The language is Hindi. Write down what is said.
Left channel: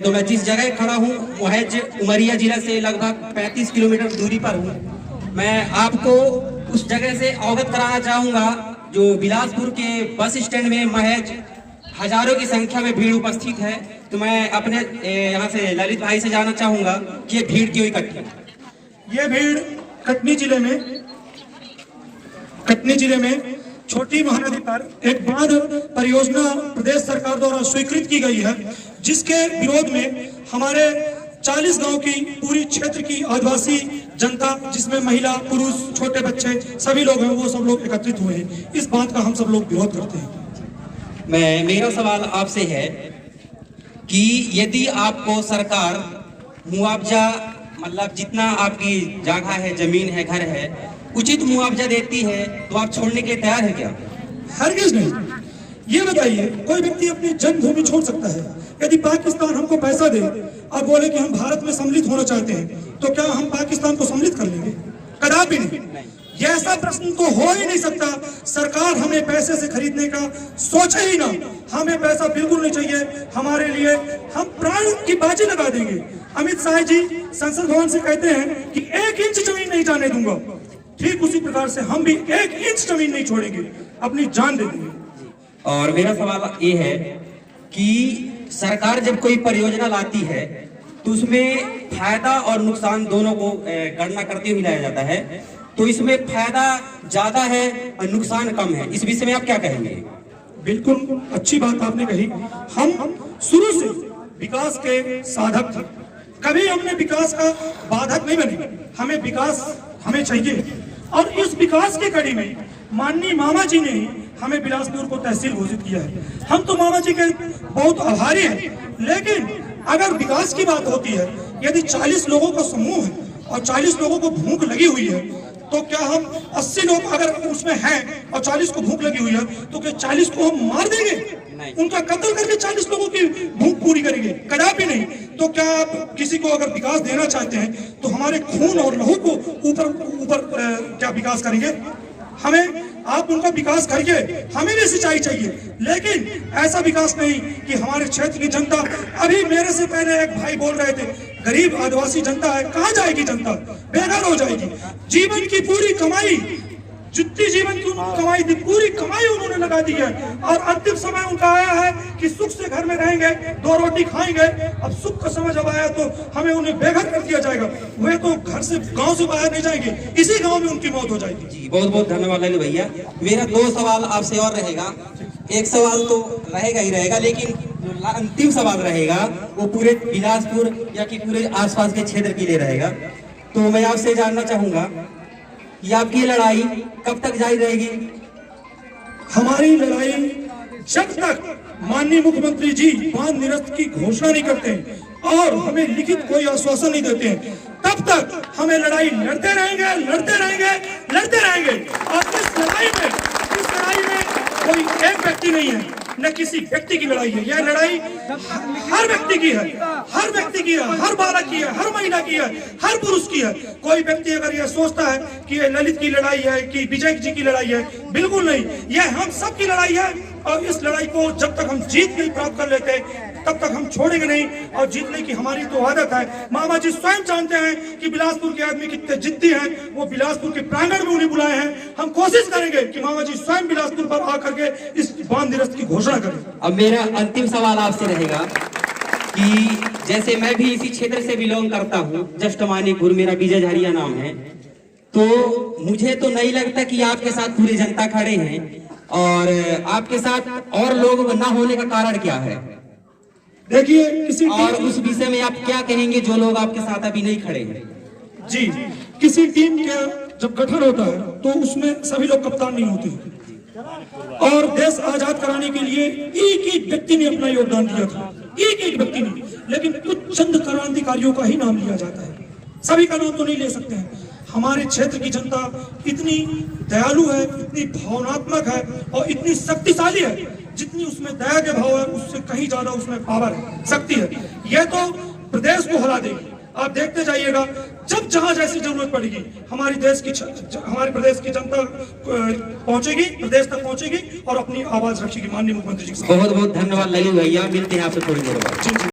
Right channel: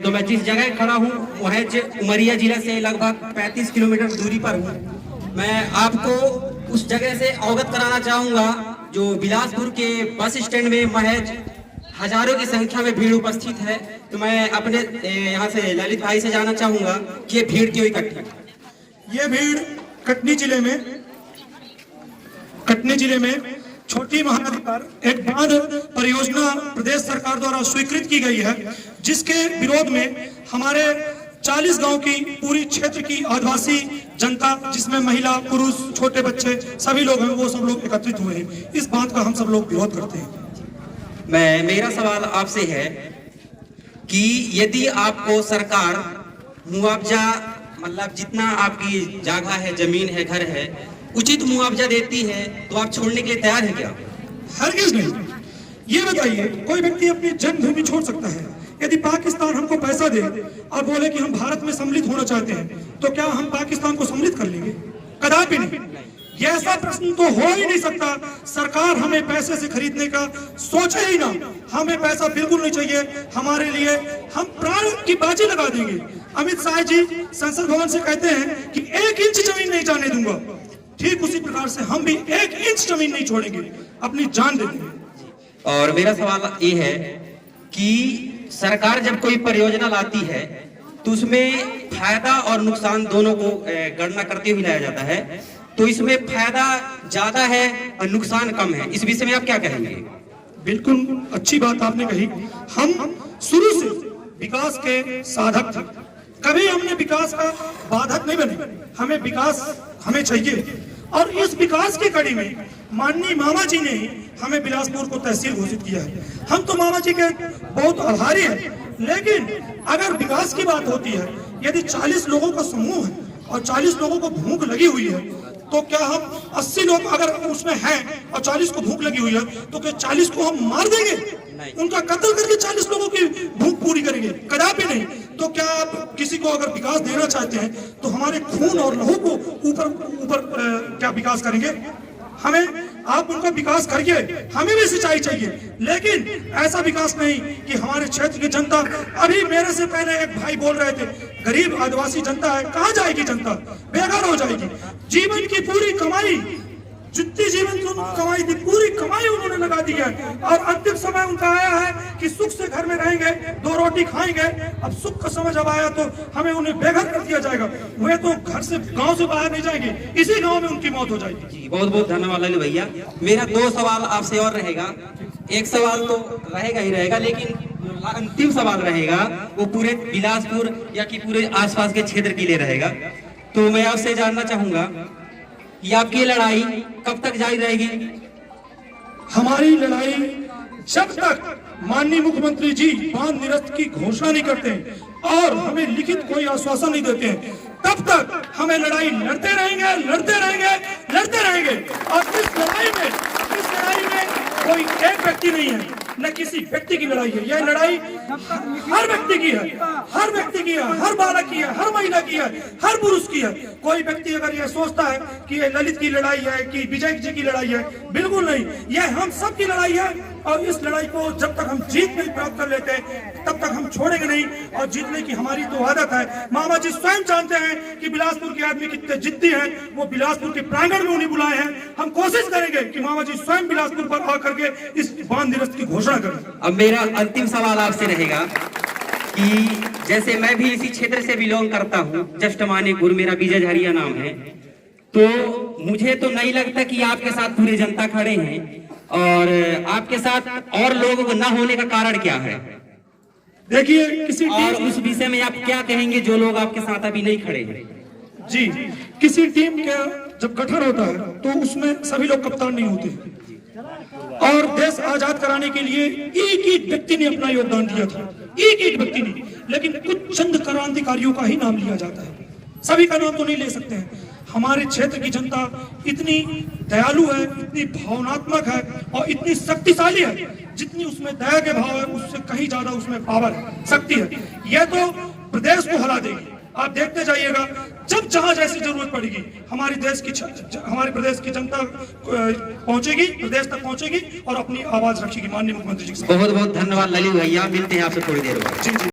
तो मैं जिस जगह खड़ा हूँ वो है उमरिया जिला से लगभग 35 किलोमीटर दूरी पर हूँ। मैं आपको उस जगह से अवगत कराना चाहूँगा जो बिलासपुर के बस स्टैंड में महज हजारों की संख्या में भीड़ उपस्थित है। तो मैं अपने यहाँ से ललित भाई से जानना चाहूँगा कि ये भीड़ क्यों इकट्ठी है। ये भीड़ कटनी जिले में छोटी महानदी पर एक बांध परियोजना प्रदेश सरकार द्वारा स्वीकृत की गई है, जिसके विरोध में हमारे 40 गांव की पूरी क्षेत्र की आदिवासी जनता, जिसमें महिला पुरुष छोटे बच्चे सभी लोग हैं, वो सब लोग एकत्रित हुए हैं। इस बात का हम सब लोग विरोध करते हैं। मेरा सवाल आपसे है कि यदि आपको सरकार मुआवजा मतलब जितना आपकी जगह है, जमीन है, घर है, उचित मुआवजा देती है तो आप छोड़ने के लिए तैयार है क्या? हरगिज नहीं। ये बताइए, कोई व्यक्ति अपनी जन्मभूमि छोड़ सकता है? यदि पाकिस्तान हमको पैसा दे और बोले कि हम भारत में सम्मिलित होना चाहते हैं, तो क्या हम पाकिस्तान को सम्मिलित कर लेंगे? कदापि नहीं। ये ऐसा प्रश्न तो हो ही नहीं सकता। सरकार हमें पैसे से खरीदने का सोचे ही ना। हमें पैसा बिल्कुल नहीं चाहिए। हमारे लिए हम प्राण की बाजी लगा देंगे। अमित शाह जी संसद भवन से कहते हैं कि 1 इंच जमीन नहीं जाने दूंगा। ठीक उसी प्रकार से हम भी 1 इंच जमीन नहीं छोड़ेंगे, अपनी जान दे देंगे। और मेरा सवाल ये है कि सरकार जब कोई परियोजना लाती है तो उसमें फायदा और नुकसान दोनों को गणना करते हुए लाया जाता है, तो इसमें फायदा ज्यादा है और नुकसान कम है। इस विषय में आप क्या कहेंगे? बिल्कुल अच्छी बात आपने कही। हम शुरू से विकास के साधक थे, कभी हमने विकास का बाधक नहीं बने। हमें विकास हमें चाहिए, और इस विकास की कड़ी में माननीय मामा जी ने हमें बिलासपुर को तहसील घोषित किया है। हम तो मामा जी के बहुत आभारी हैं। लेकिन अगर विकास की बात होती है, यदि 40 लोगों का समूह है और 40 लोगों को भूख लगी हुई है, तो क्या हम 80 लोग अगर उसमें हैं और 40 को भूख लगी हुई है, तो क्या 40 को हम मार देंगे? उनका कत्ल करके 40 लोगों की भूख पूरी करेंगे? कदापि नहीं। तो क्या आप किसी को अगर विकास देना चाहते हैं तो हमारे खून और लहू को ऊपर क्या विकास करेंगे? हमें आप उनका विकास करिए, हमें भी सिंचाई चाहिए, लेकिन ऐसा विकास नहीं कि हमारे क्षेत्र की जनता, अभी मेरे से पहले एक भाई बोल रहे थे, गरीब आदिवासी जनता है, कहाँ जाएगी जनता? बेघर हो जाएगी। जीवन की पूरी कमाई, जितनी जीवन की कमाई थी, पूरी कमाई उन्होंने लगा दी है, और अंतिम समय उनका आया है कि सुख से घर में रहेंगे, 2 रोटी खाएंगे। अब सुख का समय जब आया तो हमें उन्हें बेघर कर दिया जाएगा। वे तो घर से, गांव से बाहर नहीं जाएंगे, इसी गांव में उनकी मौत हो जाएगी। जी, बहुत बहुत धन्यवाद ललित भैया। मेरा 2 सवाल आपसे और रहेगा। एक सवाल तो रहेगा ही रहेगा, लेकिन जो अंतिम सवाल रहेगा वो पूरे बिलासपुर या कि पूरे आसपास के क्षेत्र के लिए रहेगा। तो मैं आपसे जानना चाहूंगा कि आपकी लड़ाई कब तक जारी रहेगी? हमारी लड़ाई जब तक माननीय मुख्यमंत्री जी बांध निरस्त की घोषणा नहीं करते और हमें लिखित कोई आश्वासन नहीं देते हैं, तब तक हमें लड़ाई लड़ते रहेंगे। और इस लड़ाई में कोई एक व्यक्ति नहीं है, न किसी व्यक्ति की लड़ाई है। यह लड़ाई हर व्यक्ति की है, हर बालक की है, हर महिला की है, हर पुरुष की है। कोई व्यक्ति अगर यह सोचता है कि यह ललित की लड़ाई है, कि विजय जी की लड़ाई है, बिल्कुल नहीं। यह हम सब की लड़ाई है, और इस लड़ाई को जब तक हम जीत नहीं प्राप्त कर लेते तब तक हम छोड़ेंगे नहीं। और जीतने की हमारी तो आदत है। मामा जी स्वयं जानते हैं कि बिलासपुर के आदमी कितने जिद्दी हैं। वो बिलासपुर के प्रांगण में उन्हें बुलाए हैं। हम कोशिश करेंगे कि मामा जी स्वयं बिलासपुर पर आकर के इस बांध निरस्त की घोषणा करें। अब मेरा अंतिम सवाल आपसे रहेगा कि जैसे मैं भी इसी क्षेत्र से बिलोंग करता हूँ, जस्ट मानीपुर, मेरा विजय झरिया नाम है, तो मुझे तो नहीं लगता कि आपके साथ पूरी जनता खड़े हैं। और आपके साथ और लोग न होने का कारण क्या है? देखिए, और उस विषय में आप क्या कहेंगे जो लोग आपके साथ अभी नहीं खड़े हैं? जी, किसी टीम का जब गठन होता है तो उसमें सभी लोग कप्तान नहीं होते, और देश आजाद कराने के लिए एक व्यक्ति ने अपना योगदान दिया था, एक व्यक्ति ने। लेकिन कुछ चंद क्रांतिकारियों का ही नाम लिया जाता है, सभी का नाम तो नहीं ले सकते हैं। हमारे क्षेत्र की जनता इतनी दयालु है, इतनी भावनात्मक है और इतनी शक्तिशाली है, जितनी उसमें दया के भाव है उससे कहीं ज्यादा उसमें पावर है, शक्ति है। यह तो प्रदेश को हिला देगी। आप देखते जाइएगा, जब जहां जैसी जरूरत पड़ेगी हमारे प्रदेश की जनता पहुंचेगी, प्रदेश तक पहुंचेगी और अपनी आवाज रखेगी। माननीय मुख्यमंत्री जी, बहुत बहुत धन्यवाद ललित भैया। मिलते हैं आपसे थोड़ी देर बाद।